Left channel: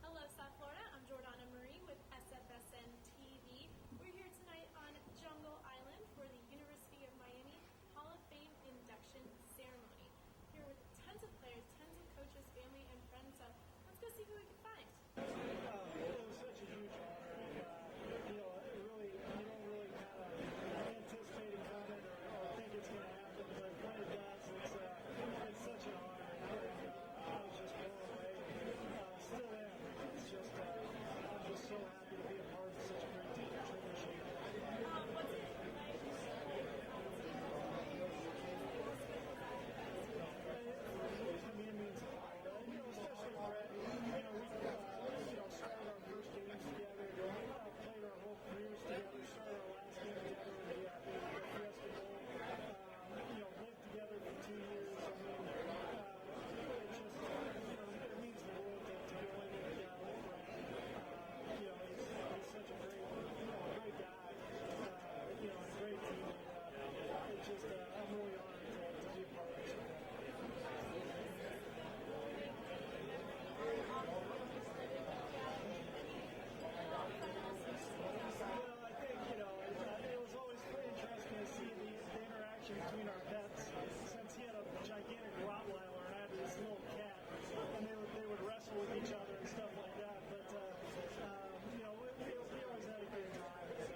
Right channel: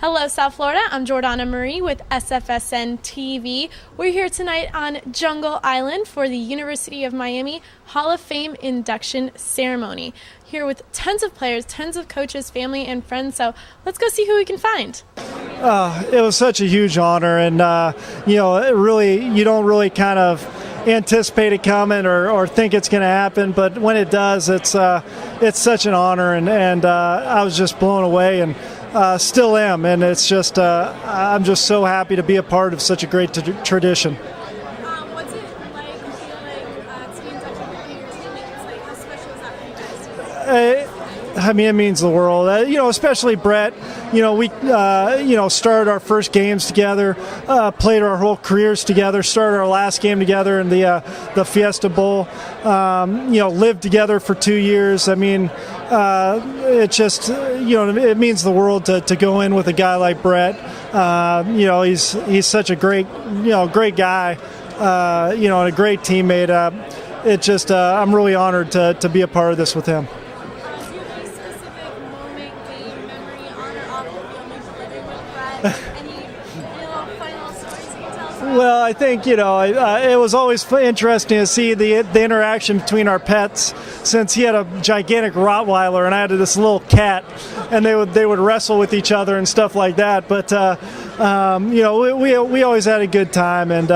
Hello, South Florida. I'm Jordana Marie with SFSN TV. We're here tonight on Jungle Island for the University of Miami Hall of Fame induction ceremony. Here with tons of players, tons of coaches, family, and friends. So let's go see who we can find. It was such a huge honor, and you don't really kind of anticipate it coming or think it's going to happen, but when it does, it's such an honor, and I was just blown away, and still am, and it's just I'm just so happy to be a part of such a great tradition. What's it like to be inducted with your teammates? Like, how special is that for you guys? I mean, it means the world. Especially Bret. We started our first games together, played our whole careers together, started our last game together in the Fiesta Bowl. Lived together for 2 years. I mean, it just it means the world to go in with a guy like Bret. He's such a great guy. And a great teammate. I'm really honored to be a part of this with him. Well, I think, it was always interesting to see the interaction between our pets, since he had a gigantic Rottweiler and I had this little cat, and they would wrestle with each other and stuff like that. But, we always had a good time, and,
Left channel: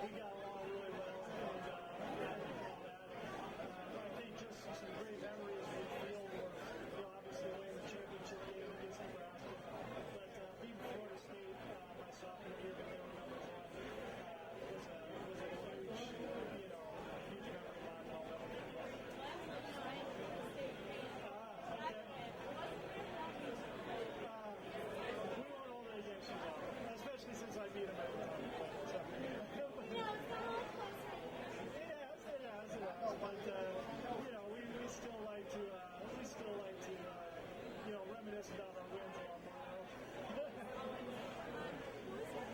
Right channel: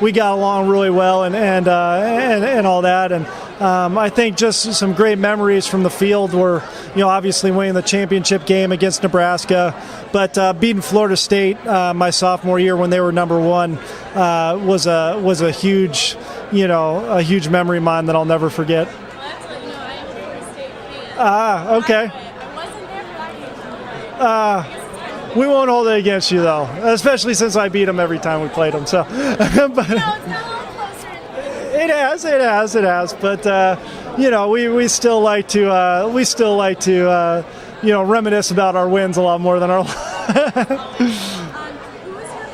we got along really well and all that. And I think just some great memories from the field were, obviously winning the championship game against Nebraska, but beating Florida State my sophomore year when they were number one was a huge, a huge memory of mine that I'll never forget. Well, that's what, I am a Florida State fan. Okay. I wasn't there for that game, though. We won't hold it against you, though, especially since I beat them every time we played them. So, but It's got a little closer. it has. But we still like to reminisce about our wins a lot more than our. Who was your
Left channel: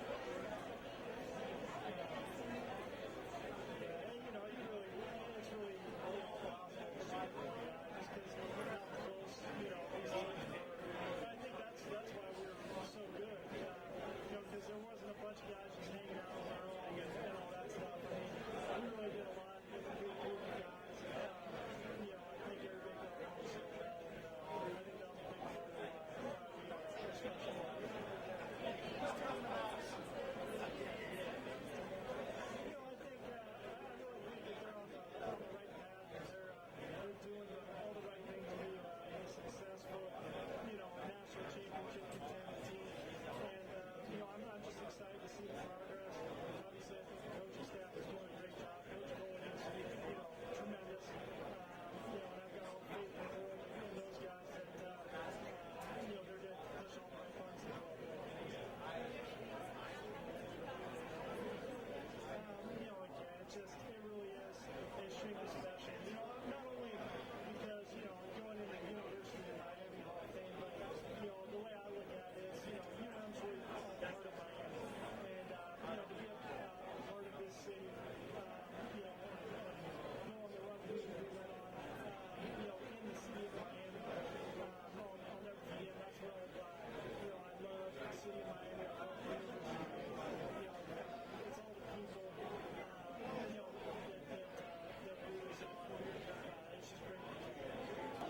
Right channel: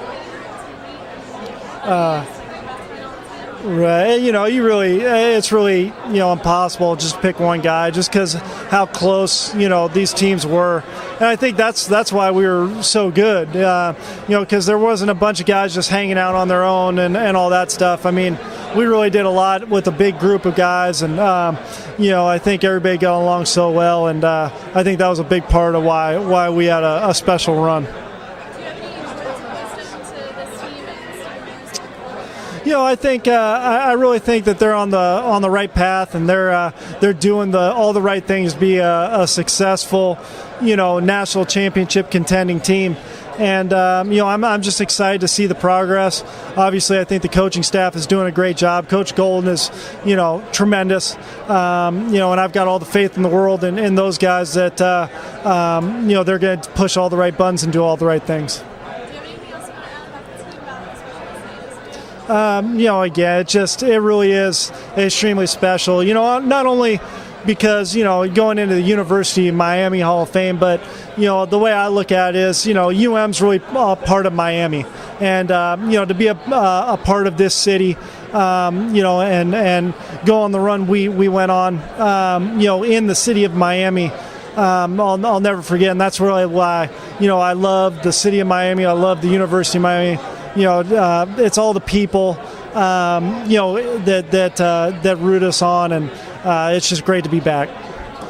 favorite Right, it's really impossible just to pick one guy, just because how close these teams were, and I think that's why we were so good, because there wasn't a bunch of guys just hanging out on their own and all that stuff. I mean, we really did a lot with a big group of guys, and I think everybody got along so well, and I think that was a big part of why we had a special run. I think I really think that they're on the right path, and they're doing all the right things to be a successful, national championship contending team. And I'm just excited to see the progress. Obviously, I think the coaching staff is doing a great job. Coach Golden is, tremendous. And I've got all the faith in the world in those guys that they're going to push all the right buttons and do all the right things. Again, it really is extremely special. Not only because, going into the University of Miami Hall of Fame, but, the way I look at it is, UM's really part of Miami. And, to be a part of this city, and go on the run we went on, in the city of Miami, I'll never forget. And that's really why, I love the city of Miami. I love the University of Miami. It's all the people, that root us on, and it's just great to be back.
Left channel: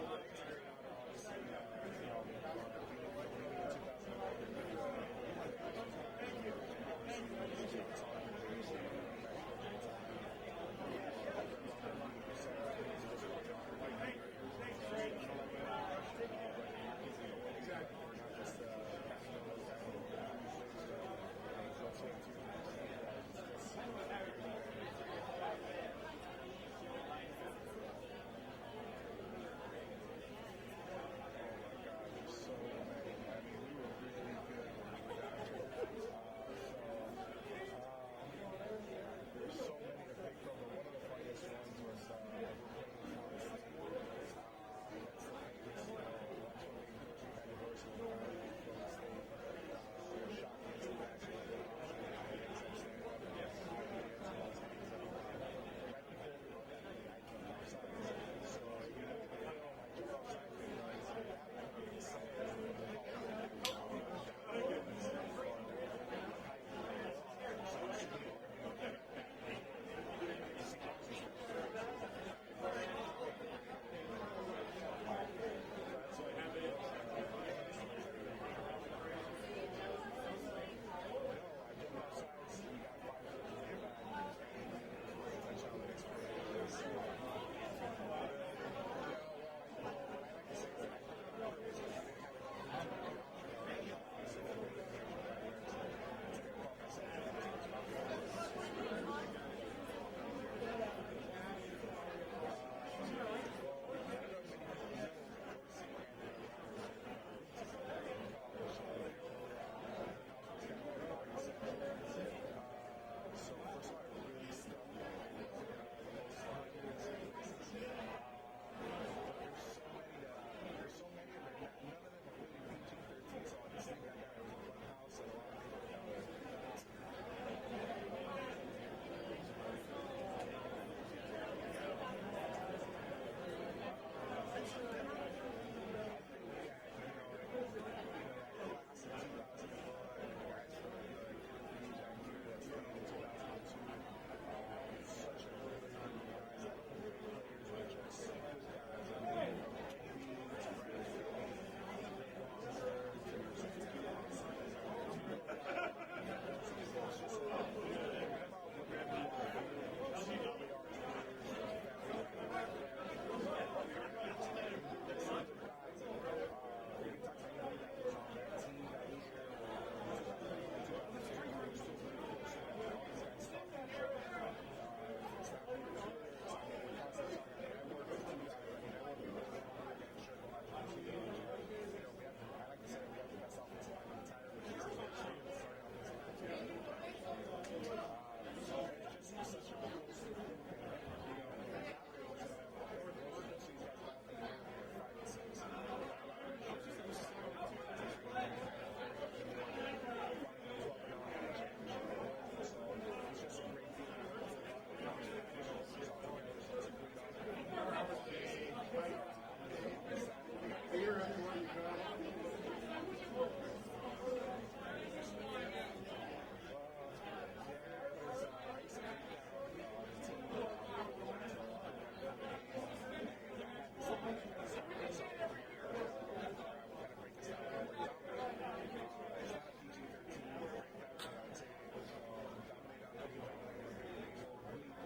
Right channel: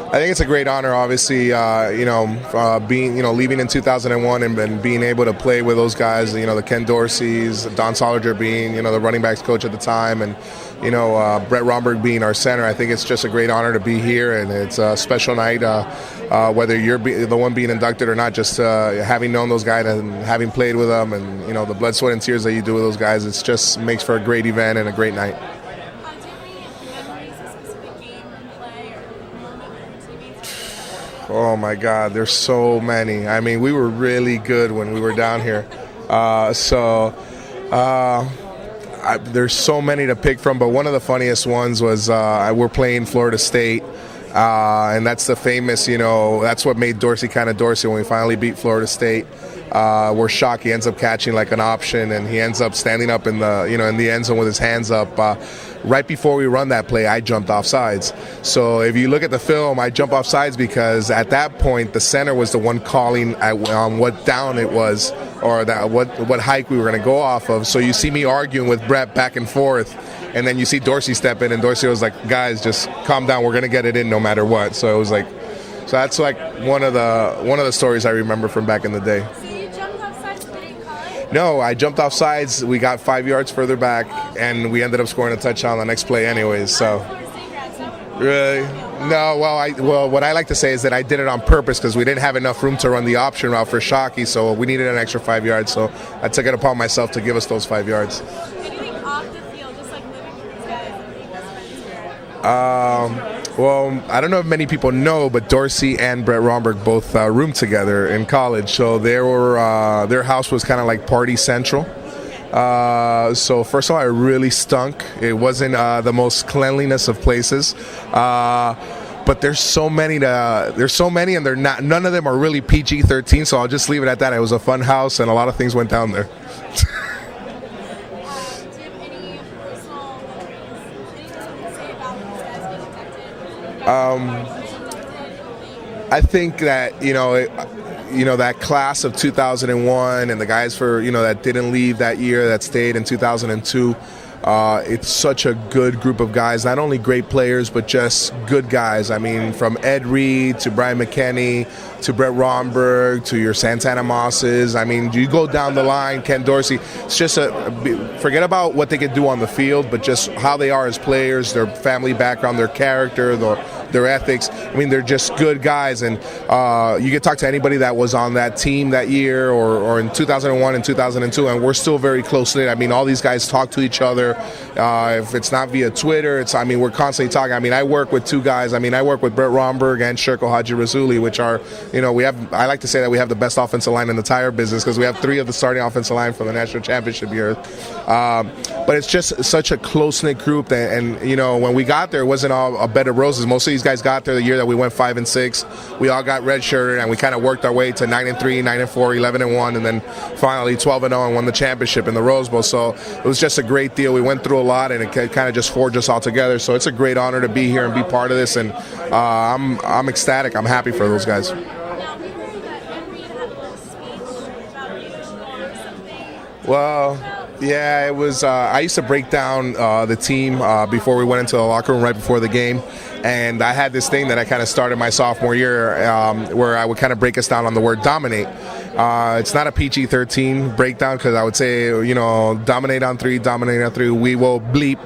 I think it's a great honor, obviously, being, leaving in 2001 and being able to play with those guys, the Ken Dorseys, Don Solidnger being, the running backs coach at the time, and, Bret Romberg being our center. I think it's just a great honor to be here, and it's a special night, whether you're the one being inducted or not, just having known those guys and having played with them, and, the blood, sweat, and tears that you do with those guys, it just makes for a great event and a great night. Oh my God, there's so many. I mean, we were really good when we were down here. There's so many to pick from, but one of the funniest ones was we're playing Florida State, and that's the famous, that's what made Dorsey kind of Dorsey when we finally beat Florida State. where Shockey ends up catching like an option, and he ends up standing up in the in the end zone with his hands up. Right before we run that play, I jumped off sides. So if you look at the film, I jump off sides because at that point the center was the one calling what down it was, or that what hike we were going to go off of. So you see me arguing with Bret back and forth, and then you see Dorsey step in, and Dorsey was like, "Guys, just calm down. We're going to get it in no matter what." So it was like, so that's like one of the stories I remember from back in the day. So you jumped off sides, but didn't call it? No, I jumped off sides. We got 5 yards further back, and we ended up scoring a touchdown the next play anyways. So really, no. Well, what I like to say is that I did it on purpose because we didn't have enough room to run the option route for Shockey, so we needed an extra 5 yards. So I took it upon myself to give us those 5 yards. Anything off the field, just like living with these guys and being best friends here? Well, I don't know if many people know, but Dorsey and Bret Romberg both roomed together in college. So their house was kind of like party central. So first of all, it really stunk. It wasn't the most cleanliness of places. But there's so many, and they're not. None of them are really PG-13. So I'll just leave it at that. It was a fun house, and a lot of things went down there. I think that that class of 2001 and the guys that didn't leave that year, that stayed in 2002. It's such a good group of guys, not only great players, but just good guys. I mean, from Ed Reed to Brian McKinney to Bret Romberg to your Santana Mosses. I mean, you go down the line, Ken Dorsey. It's just forget about what they could do on the field, but just how they are as players, their family background, their character, their ethics. I mean, they're just good guys, and you can talk to anybody that was on that team that year or in 2001 and 2002, and we're still very close-knit. I mean, all these guys talk to each other. If it's not via Twitter, we're constantly talking. I mean, I work with two guys. I mean, I work with Bret Romberg and Sherko Haji-Razuli, which are, I like to say that we have the best offensive line in the tire business because we have 3 of the starting offensive line from the national championship year. But it's just such a close-knit group, and when we got there, it wasn't all a bed of roses. Most of these guys got there the year that we went 5-6. We all got redshirted, and we kind of worked our way to 9-3, 9-4, 11-1, and then finally 12-0 and won the championship in the Rose Bowl. So it was just a great deal. We went through a lot, and it kind of just forged us all together. So it's a great honor to be here and be part of this, and I'm ecstatic. I'm happy for those guys. Well, yeah, it was. I used to break down the team before we went into the locker room right before the game, and I had this thing that I kind of started my sophomore year where I would kind of break us down on the word dominate. It's not a PG-13 breakdown because I would say, dominate on 3, dominate on 3. We will bleep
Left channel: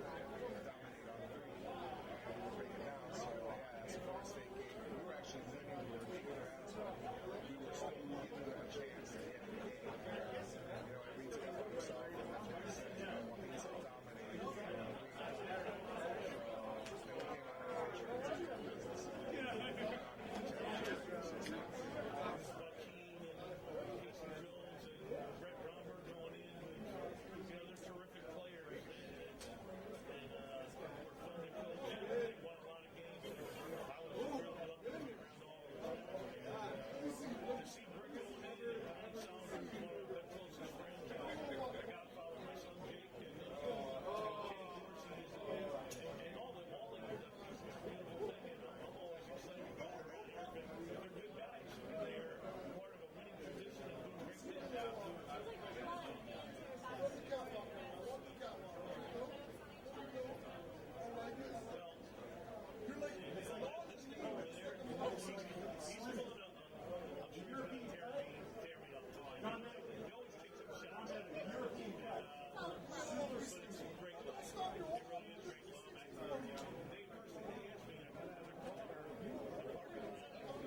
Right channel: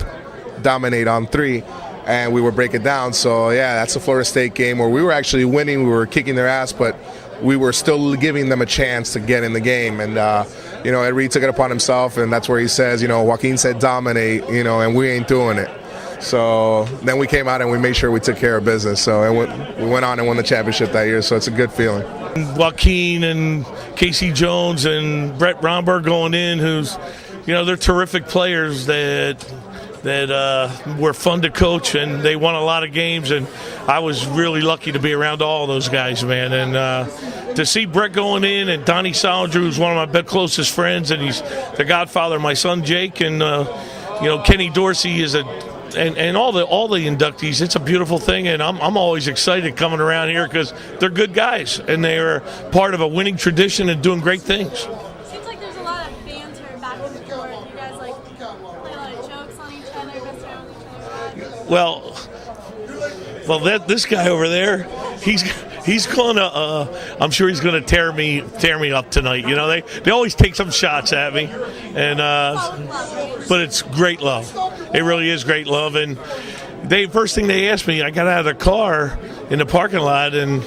dominate on 3. And we would break it down. So, yeah, that's a Florida State game where we were actually winning. We were kicking their ass, but we were still giving them a chance to get in the game. And, Ed Reed took it upon himself, and that's where he says, Joaquin said dominate, and we ain't doing it. So then we came out and we made sure we took care of business. So we went on and won the championship that year, so it's a good feeling. Joaquin and Casey Jones and Bret Romberg going in, who's, they're terrific players that were fun to coach, and they won a lot of games, and I was really lucky to be around all those guys, man. And to see Bret going in, and Donnie Solidnger, who's one of my closest friends, and he's the godfather of my son Jake, and Kenny Dorsey is and all the inductees. It's a beautiful thing, and I'm always excited coming around here because they're good guys, and they are part of a winning tradition and doing great things. Seems like there's a lot of banter back and forth. You guys play a lot of jokes on each other, mess around with each other. Well, this guy over there, he's gonna. I'm sure he's gonna tear me up tonight. They always take some shots at me, and but it's great love. It really is great love. And first thing they asked me, I got out of the car in the parking lot, and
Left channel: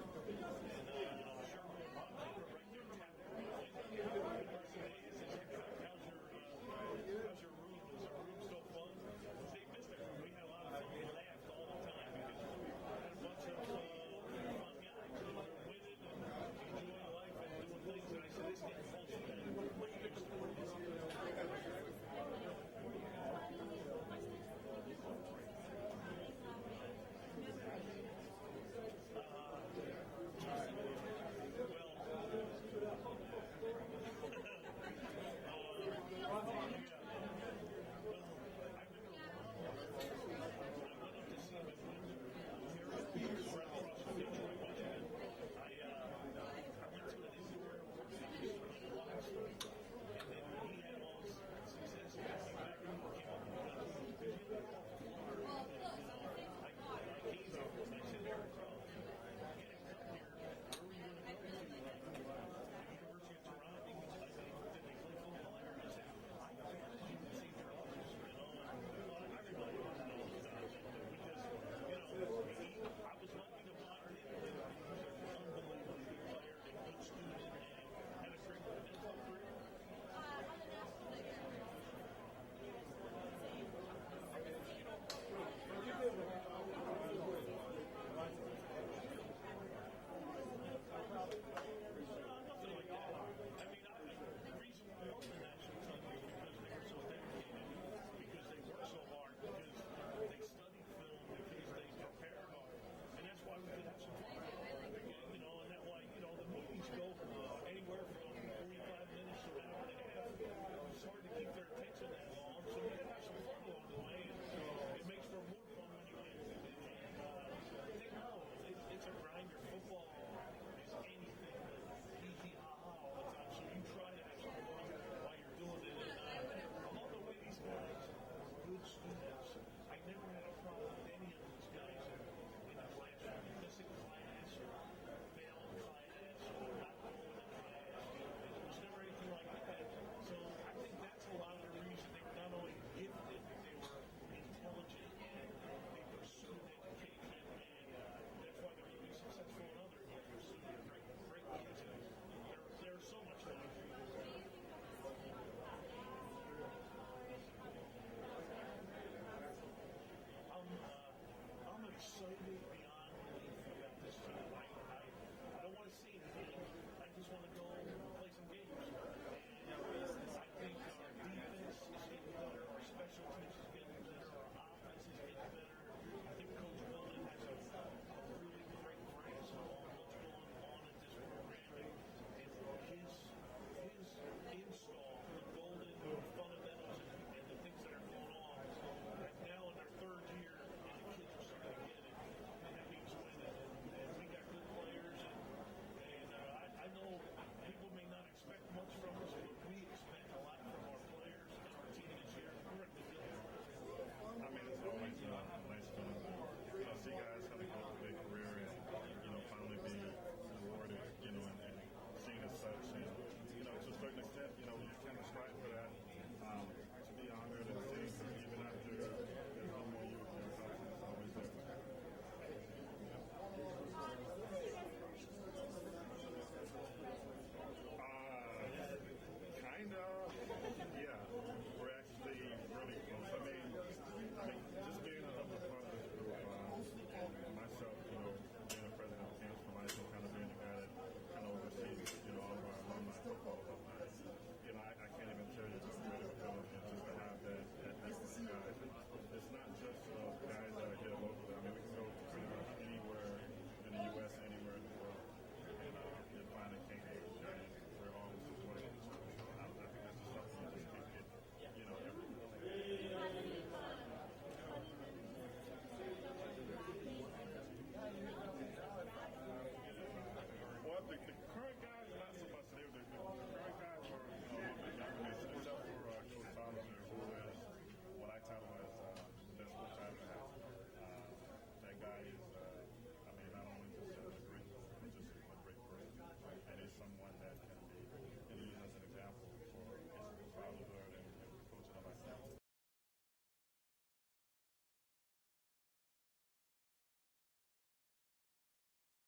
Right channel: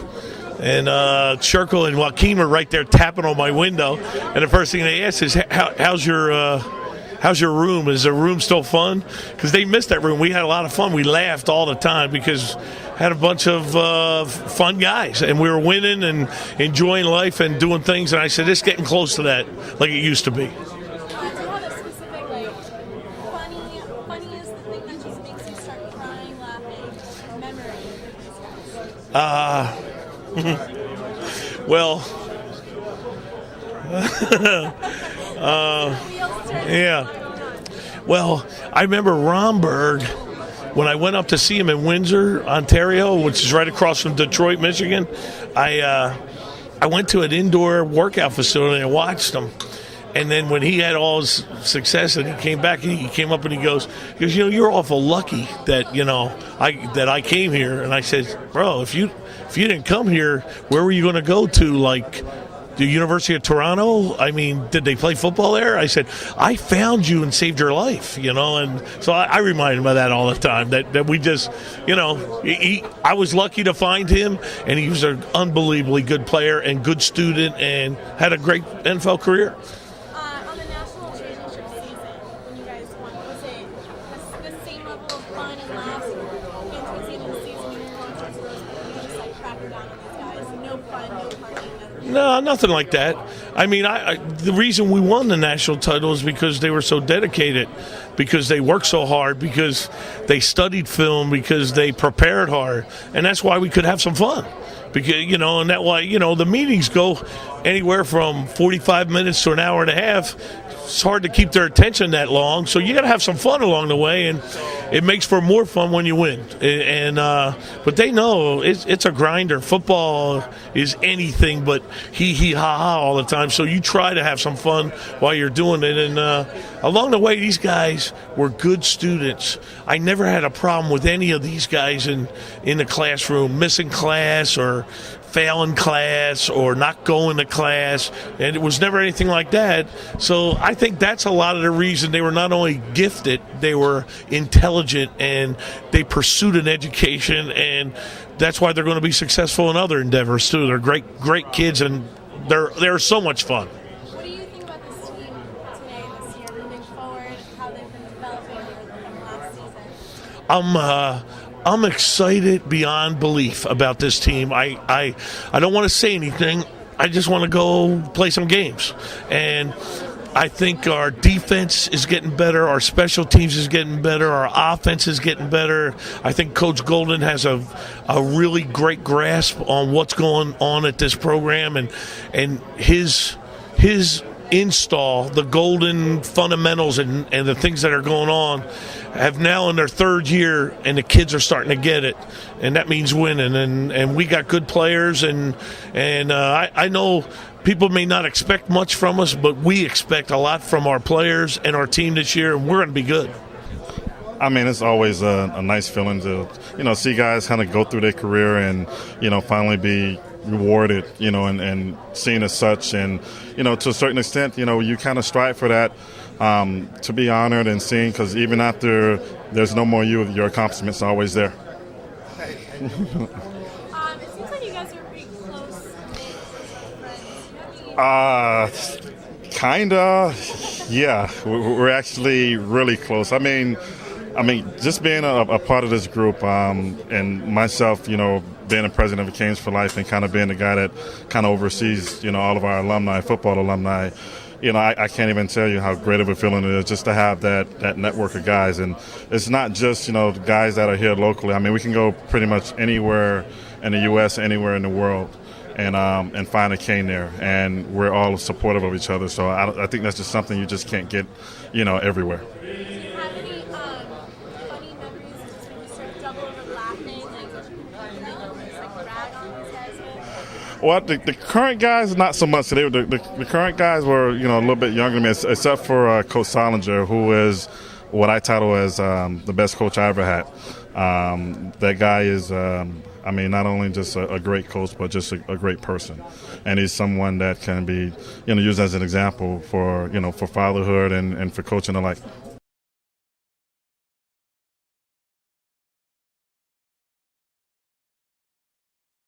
Sherko and Joaquin were right there tapping on my window. And the first thing they asked is, how's your room? Is the room still fun? Because they missed that room. We had a lot of fun. We laughed all the time because had a bunch of fun guys, and we were winning and enjoying life and doing things. And I said, it's getting close to that like it used to be. Do you have a specific, funniest thing that just makes you start crying, laughing, memory? Well, Yeah. Well, I remember Romberg when I went up to see him in Windsor, Ontario, which is right across from Detroit, Michigan. I went to an indoor workout facility and watched him. And then when he had all his success and he came back, he came up and he goes, you're awful lucky that, I came here. And I said, bro, if you didn't come here, where were you going to go to? Like the University of Toronto? I mean, did they play football there? I said, I found you and saved your life, and so I remind him of that all the time, that we just, I was lucky to find him, and he was an unbelievably good player and good student and had a great NFL career. On the national championship season, when you guys won, was it the same level of fun and laughs and towards the end of the season when you're going towards those, you just like cracking down on these guys? No fun, no partying, No, nothing like that. I mean, the reason we won the national title is because they were so dedicated, because they worked so hard, because they studied film, because they prepared hard, and that's why we could have some fun. Because, and that why, the meetings go anywhere from 45 minutes to an hour and a half. It's hard to keep their attention that long, so you got to have some fun along the way, and it makes for more fun when you win. But they know it's a grinder. Football is anything but hee ha ha all the time. So you try to have some fun while you're doing it. And along the way, these guys were good students. I never had a problem with any of these guys in the classroom, missing class or failing class or not going to class, and it was never anything like that. So I think that's a lot of the reason they were not only gifted, they were intelligent, and they pursued an education, and that's why they're going to be successful in other endeavors too. They're great kids, and they're so much fun. What do you think about this team today, this year, moving forward, how they've been developing from last season? I'm excited beyond belief about this team. I don't want to say anything. I just want to go play some games. And I think our defense is getting better. Our special teams is getting better. Our offense is getting better. I think Coach Golden has a really great grasp on what's going on at this program, and his install, the golden fundamentals and the things that are going on, have now in their third year, and the kids are starting to get it, and that means winning. And we got good players, and I know people may not expect much from us, but we expect a lot from our players and our team this year, and we're going to be good. I mean, it's always a nice feeling to, see guys kind of go through their career and, finally be rewarded, and seen as such. And, to a certain extent, you kind of strive for that, to be honored and seen, because even after there's no more you, your accomplishments are always there. It seems like you guys are pretty close. Kinda, yeah. We're actually really close. I mean, just being a part of this group, and myself, being a president of Canes for Life and kind of being the guy that kind of oversees, all of our alumni, football alumni, I can't even tell you how great of a feeling it is just to have that network of guys. And it's not just, the guys that are here locally. I mean, we can go pretty much anywhere in the U.S., anywhere in the world, and find a cane there. And we're all supportive of each other. So I think that's just something you just can't get, everywhere. Do you have any funny memories just when you sort of double over laughing, like brag on these guys? Well, the current guys, not so much. The current guys were, a little bit younger than me, except for Coach Solidnger, who is what I title as the best coach I ever had. That guy is, not only just a great coach, but just a great person. And he's someone that can be, used as an example for, for fatherhood and for coaching alike.